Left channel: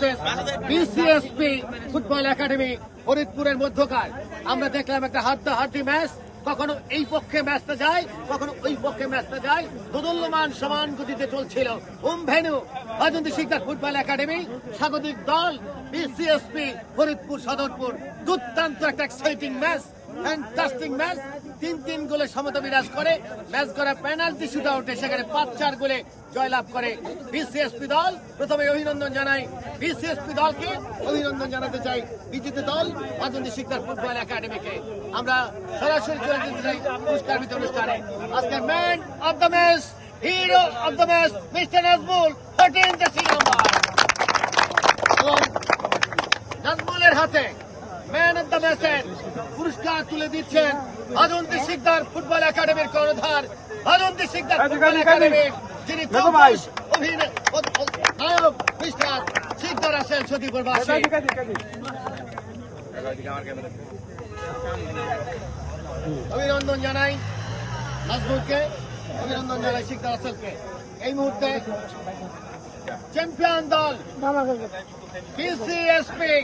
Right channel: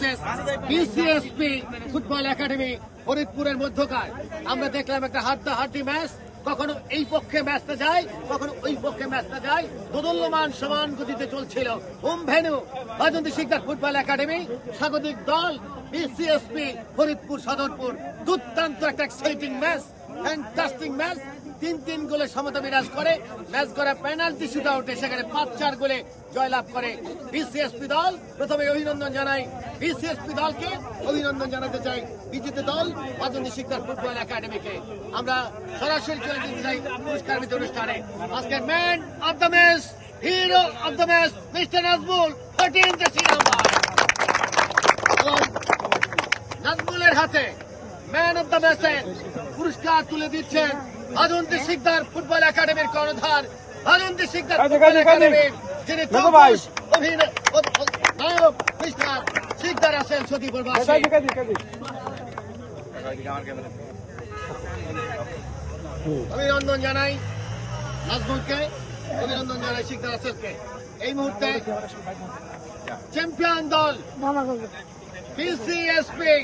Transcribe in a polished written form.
Versus বিসিএসপি football academy ফরিদপুরের মধ্যকার আমরা দেখলাম একটা হাড্ডাহাড্ডি ম্যাচ। কখনো এই পক্ষে ম্যাচটা যায়, কখনো ওই পক্ষে ম্যাচটা যায়, দোদুল্যমান সমান গতিতে চলছিল। Home venue Bajanti Sikdar football academy, স্বাগতিক দল বিসিএসপি ফরিদপুর সদরপুর। দুর্দান্ত একটা এক্সাইটিং ম্যাচ, ফ্যান্টাস্টিক ম্যাচ। 3-3 গোলে সমতা বিরাজ করে। ম্যাচ করা পেনাল্টি শুট আউটে সেখানে 5-4 গোলে জয়লাভ করে বিসিএসপি দল। প্রথমে অভিনন্দন জানাই বিসিএসপি দলকে, অভিনন্দন জানাতে চাই বিজেতা দল বাজন্তী শিকদার ফুটবল একাডেমিকে। আমরা সরাসরি চলে যেতে চাই পুরস্কার বিতরণ অনুষ্ঠানে। আজকে man of the match, hero of the match mister Nazmul, 13 jersey number. এবং নাজমুলের হাতে ম্যান অব দ্য ম্যাচের পুরস্কার তুলে দিচ্ছেন বাজন্তী শিকদার ফুটবল একাডেমির কর্ণধার, বাজন্তী শিকদার ফুটবল একাডেমির যিনি চৌকুশ নায়ক মিস্টার শিকদার আছেন সতীপুর বাসী। অভিনন্দন জানাই নাজমুলকে, অভিনন্দন জানাই শিকদার আছেনকে। এই মুহূর্তে চ্যাম্পিয়ন দল বিসিএসপি